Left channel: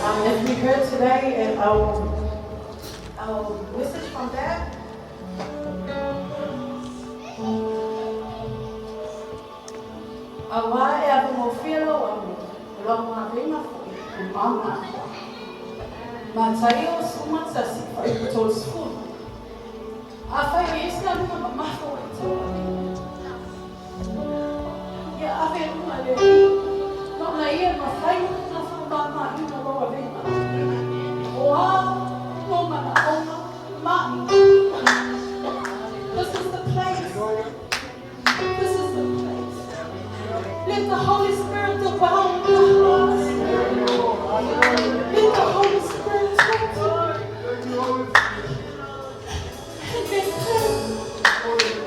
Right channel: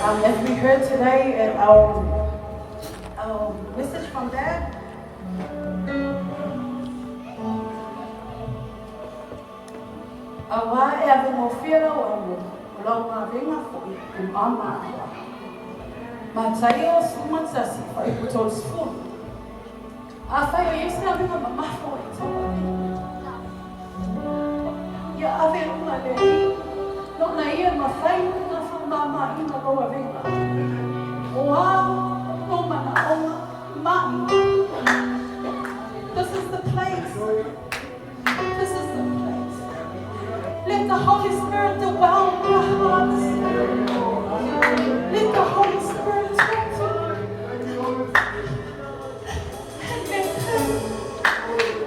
As we heard today, our message from Dad, awai e ave mo whiara o amu, lau mā ringa fui, e māma akua. Mā tai o suma tasi, whai puto sfun. A whai e esi anu ma mafo i tawa. Ia ave unga le i, no na ia ma whai na whanama i na roa ringa. O ao, no mana onga, mahi. This is the place. This is the place. Let the Holy Spirit dwell in our hearts. Let the Holy Spirit talk to us. And in Him,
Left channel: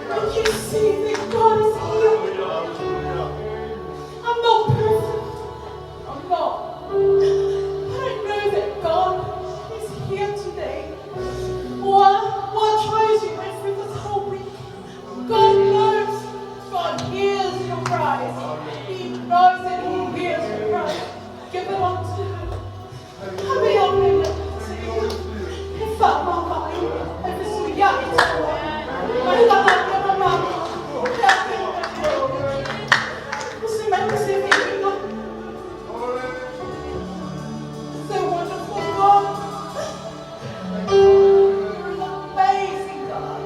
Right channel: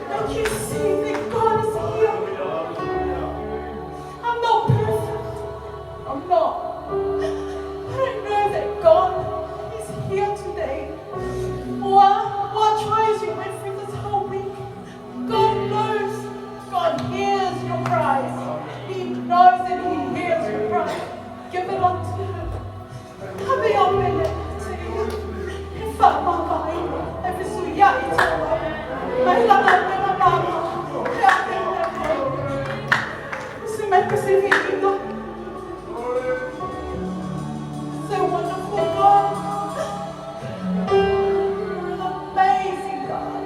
when you see that God is here, I'm not perfect. I'm not. But I know that God is here today. What trials you went through this whole week, God knows. God hears your cries. He knows that He hears your cries. Give it unto Him. Have it on Him. If I if it's so young, it's all right. So wonderful God. You're an amazing God.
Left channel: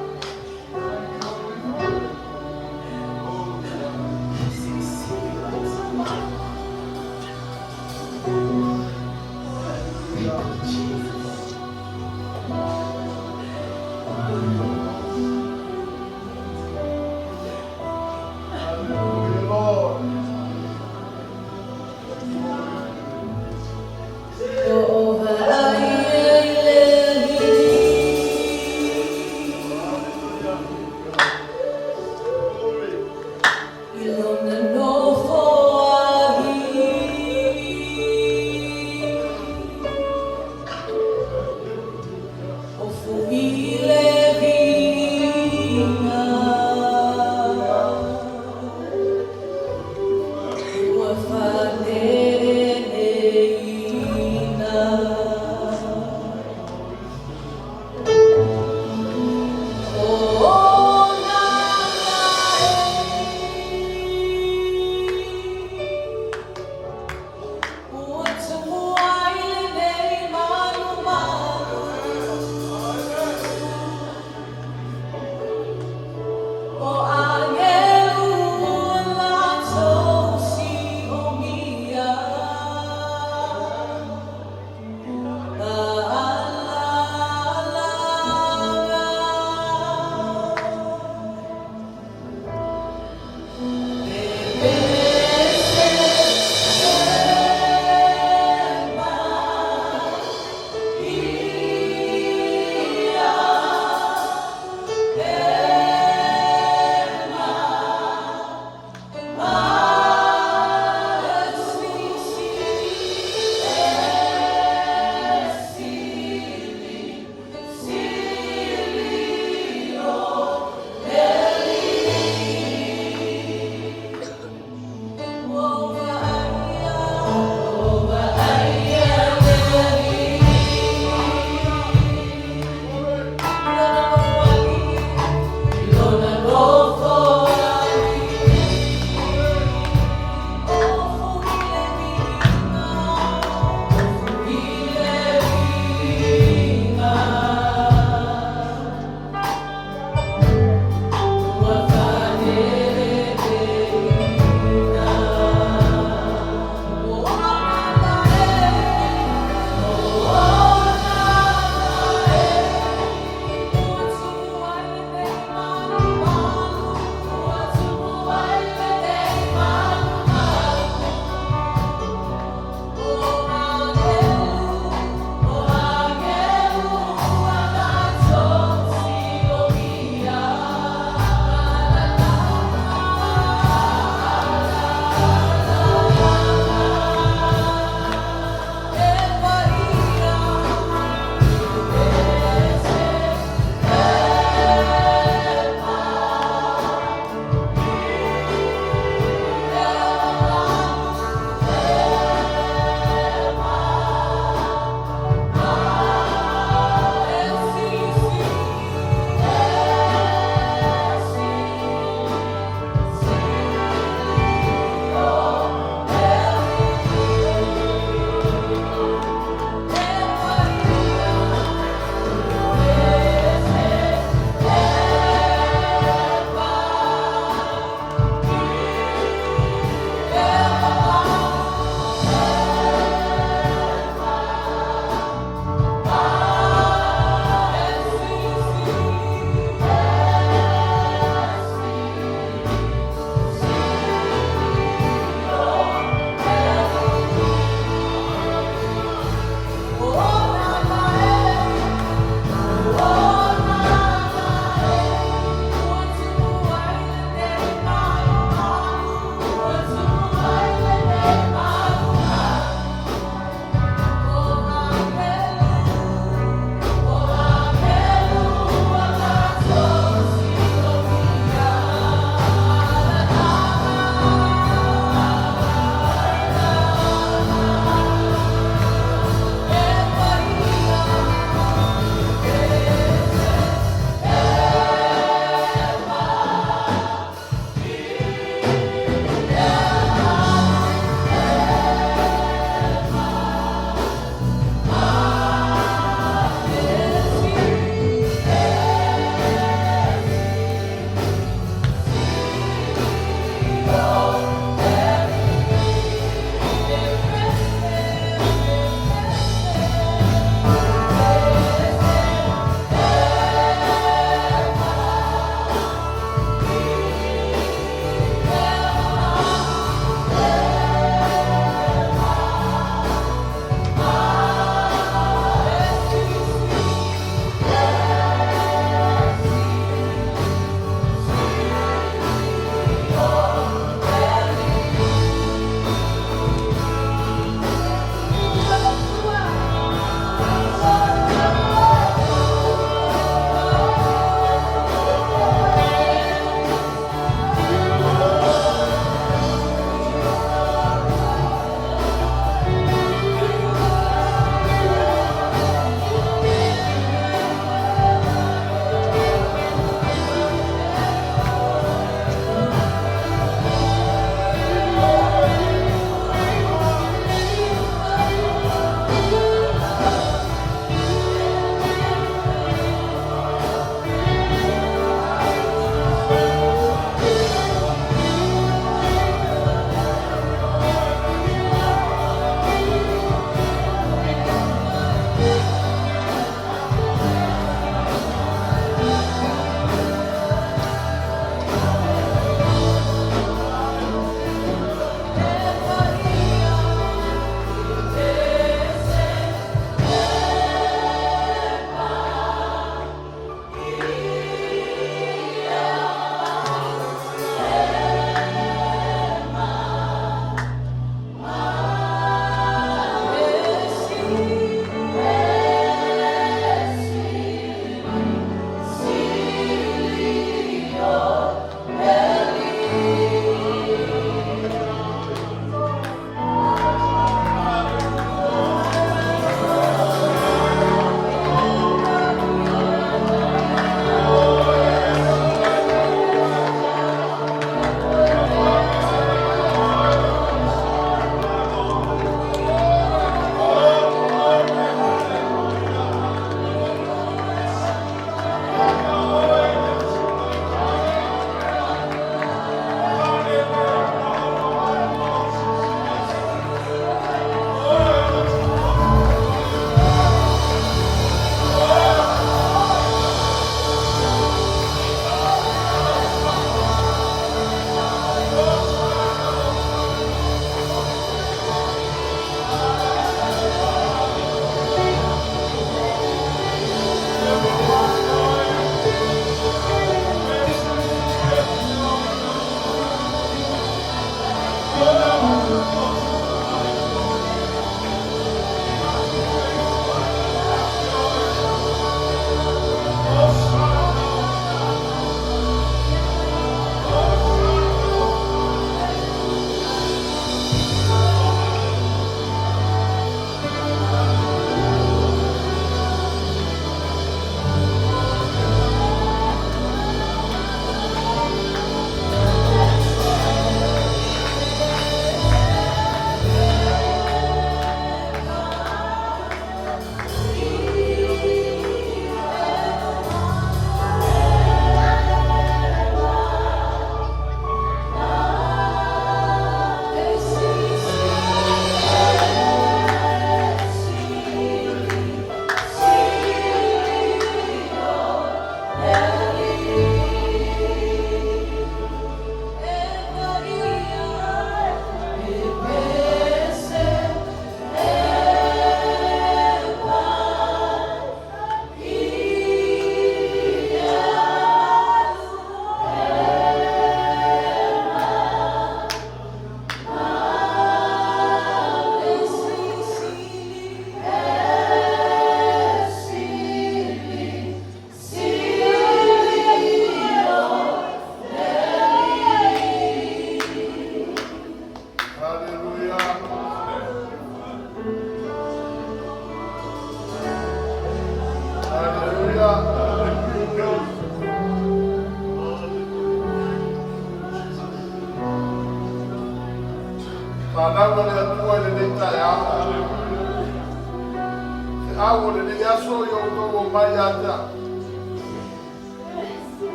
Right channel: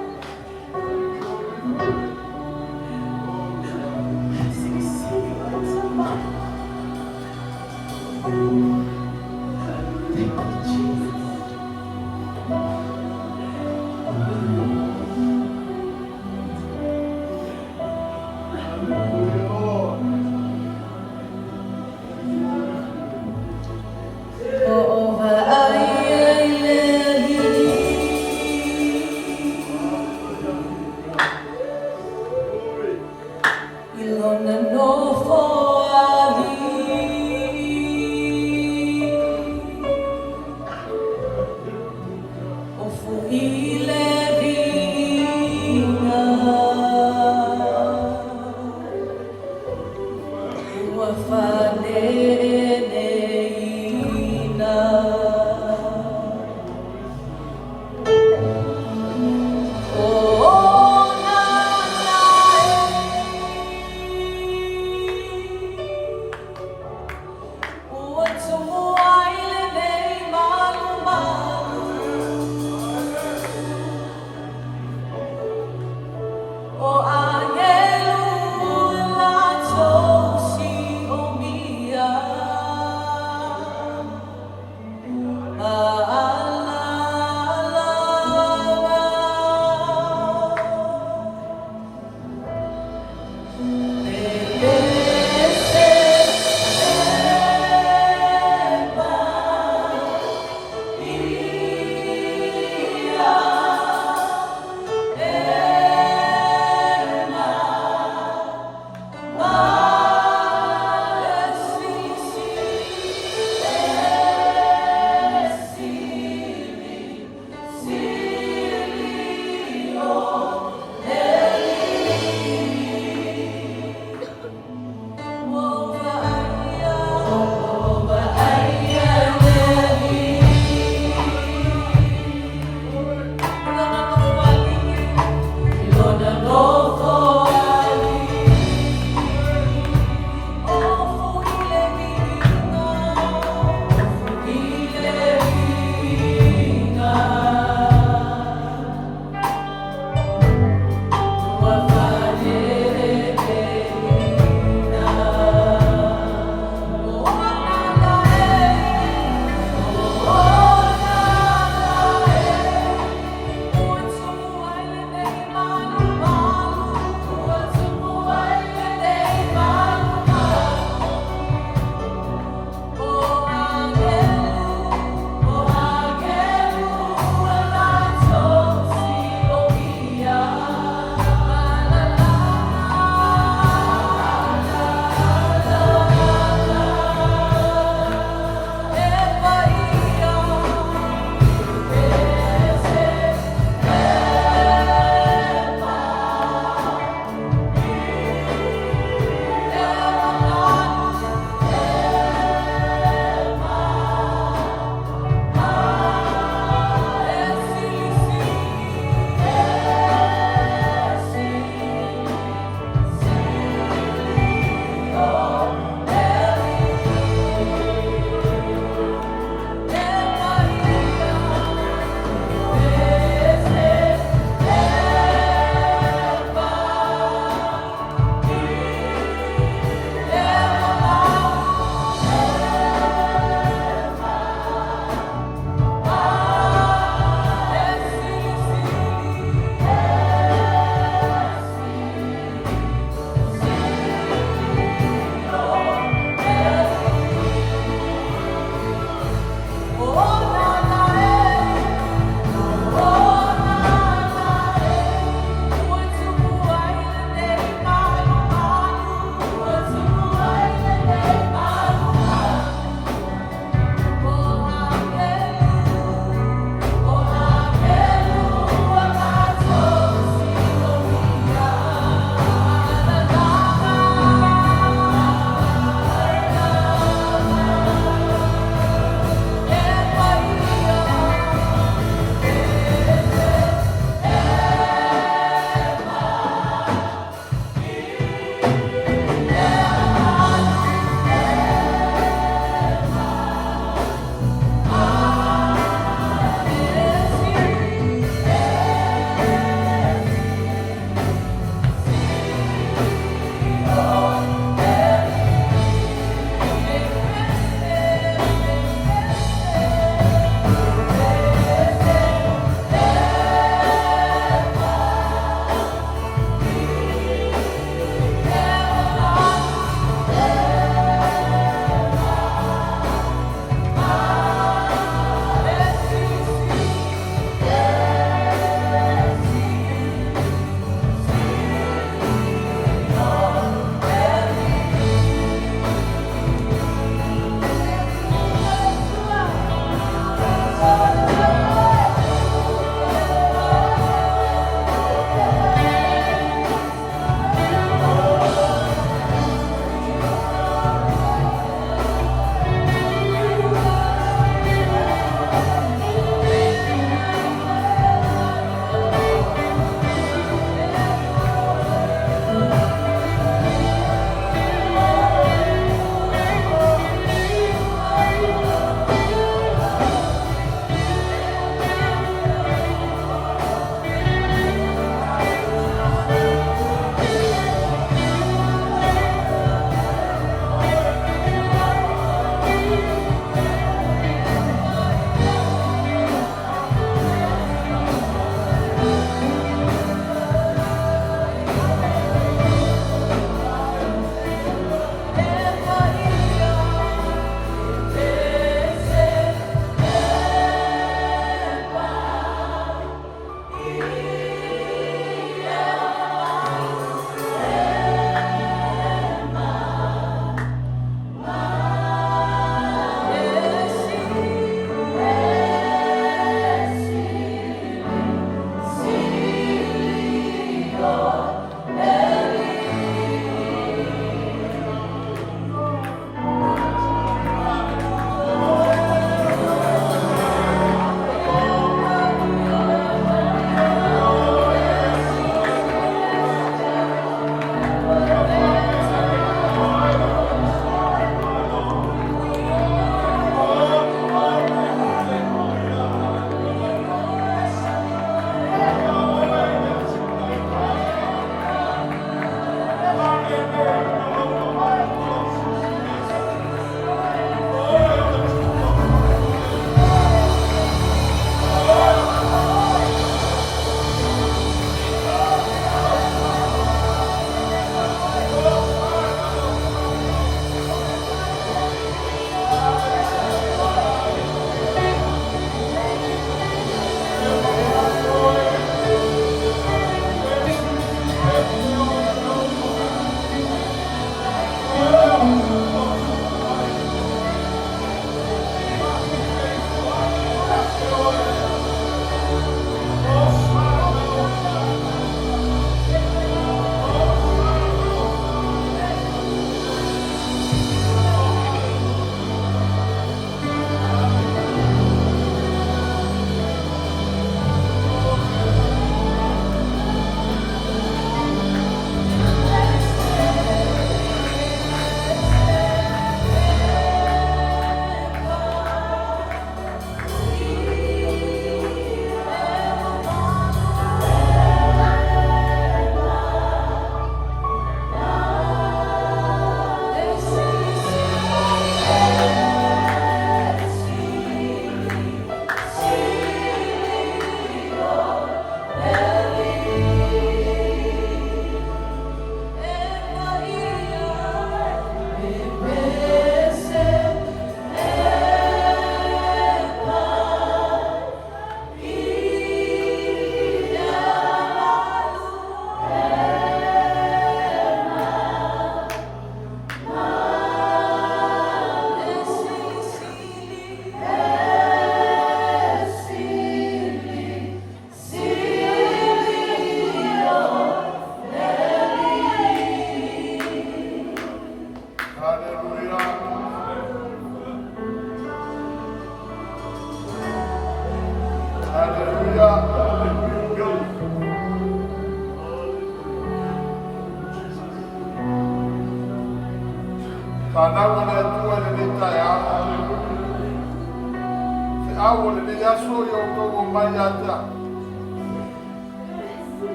au le yaso yo ko mai ata.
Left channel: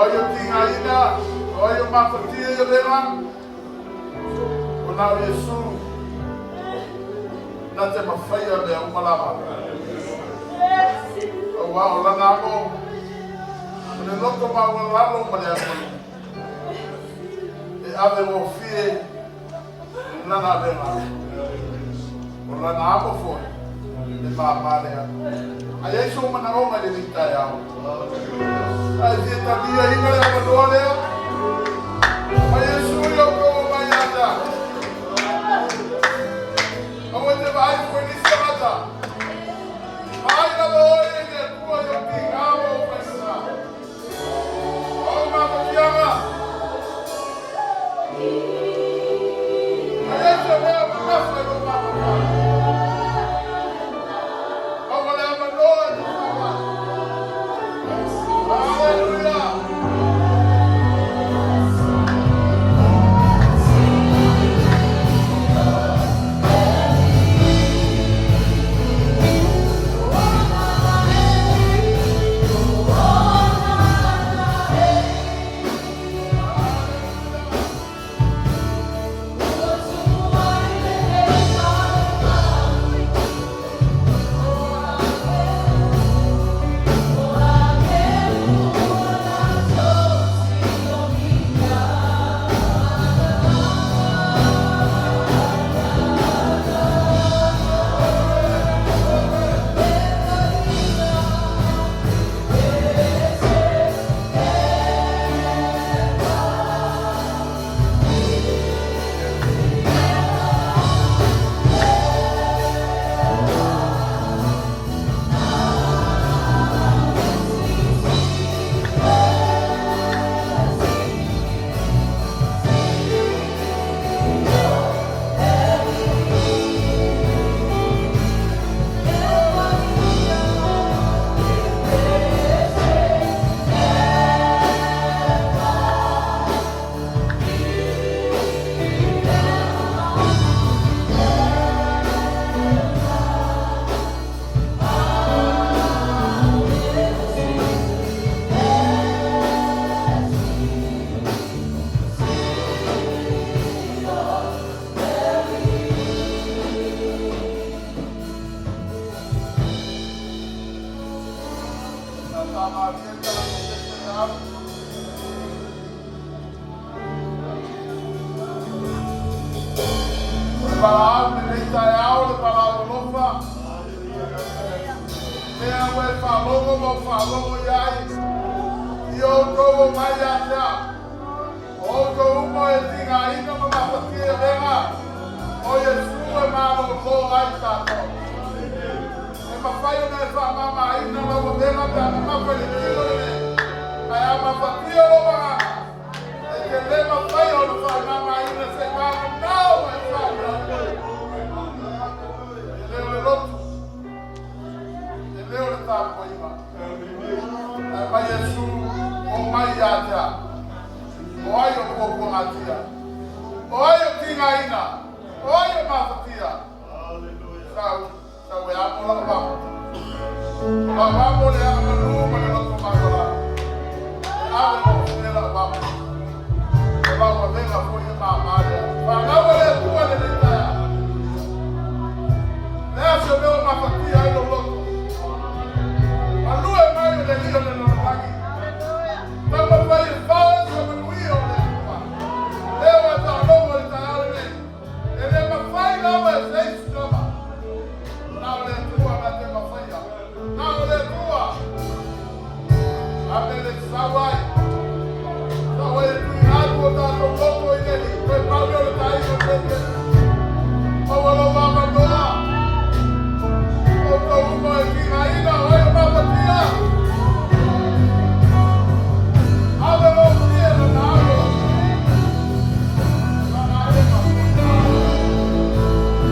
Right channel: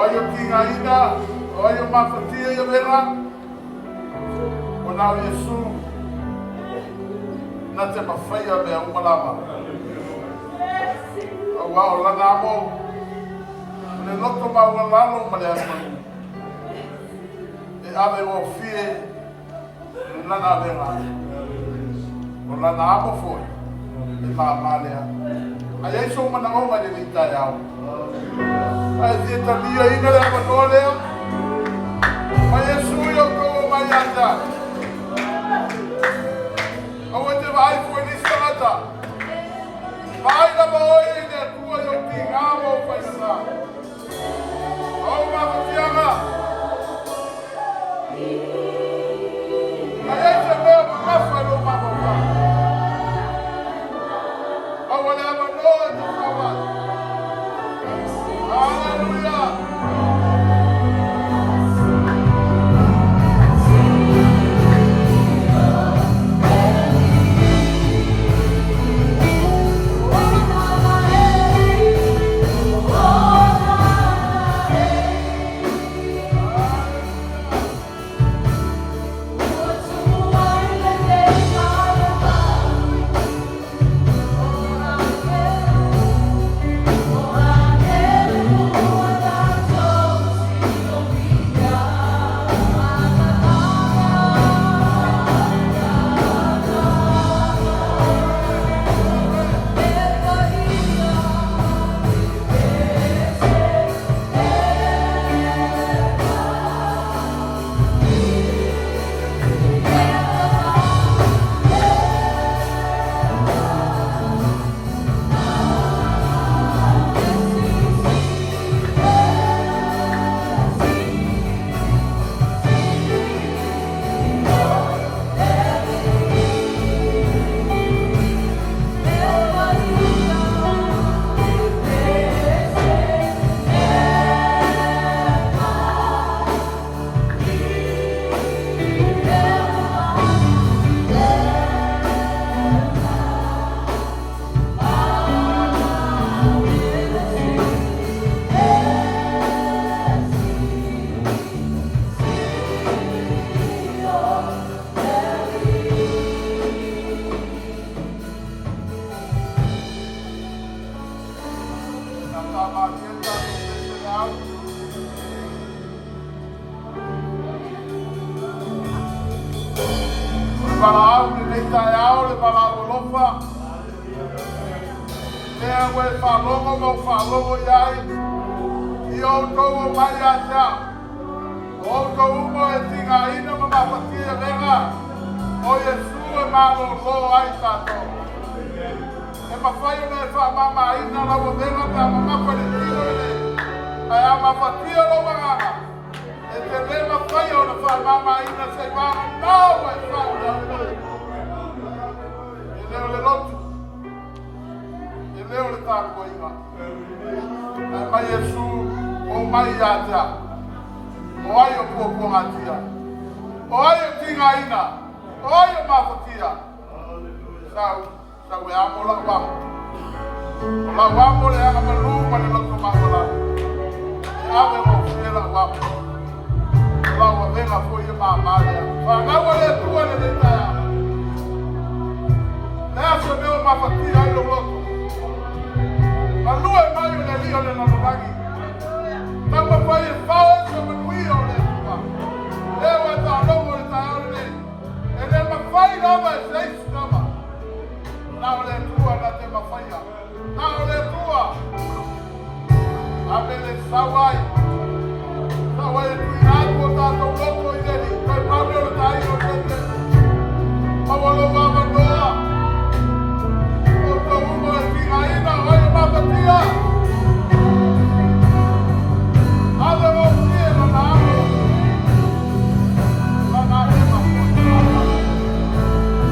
Oyo tinga ina, oyo mafatia yo vera. Ona Yesu. Nate mafaya me umulama. Wa olana mo. Le loto ma olano maleama. E ave o fie nana vera. Olana amo fo. Mamalea. Aí sou uma naoma de Itaia. Aí você tá ali ainda é para olhar. Aí sou eu como manhã. Onde vai conhecer? Vai na boa e de tua eu pingava o pensar. Oh mamãe chama. Aí você vê o que foi o mamãe. Falou, Yai, e eu como vai achar. Outro uma é ainda uma fatia venha. Olha sua mano lo aí tá. É uma coisa né sua mama aí não lá vou ver na mama para ele. Aí a fatia lo mama. É que vem uma coisa não sua mama aí não sei mais não é só. Ele é louco. Ele é o taco aí lá. Mas Jesus, o Maiata, olha o pouco matia, olha o Tingaina, olha o Mafatia. Sabe, sabe, a mola vamos. Vamos olhar a rua no nosso magola. Abre o filho da vamos. Vamos ver a coisa mamada. Vamos olhar tua de detalhe. Deixa eu ver o Mafatia aí no louco. A lua é mais de Rio de Normangue. Estamos fazendo falta sobre o Rio de Normangue. Eu estou longo de Taíne. Ele é uma faina, mas é isso também. Não é tua, não é uma faina. Não é tua. A beleza vai. Vai tirar o contato com o outro dele. Vai para o meu Taíne. Vamos louvar a boa. Outro rumo é ainda, olha uma batia.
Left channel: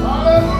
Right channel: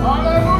Aleluia.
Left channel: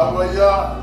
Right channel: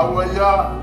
Amaya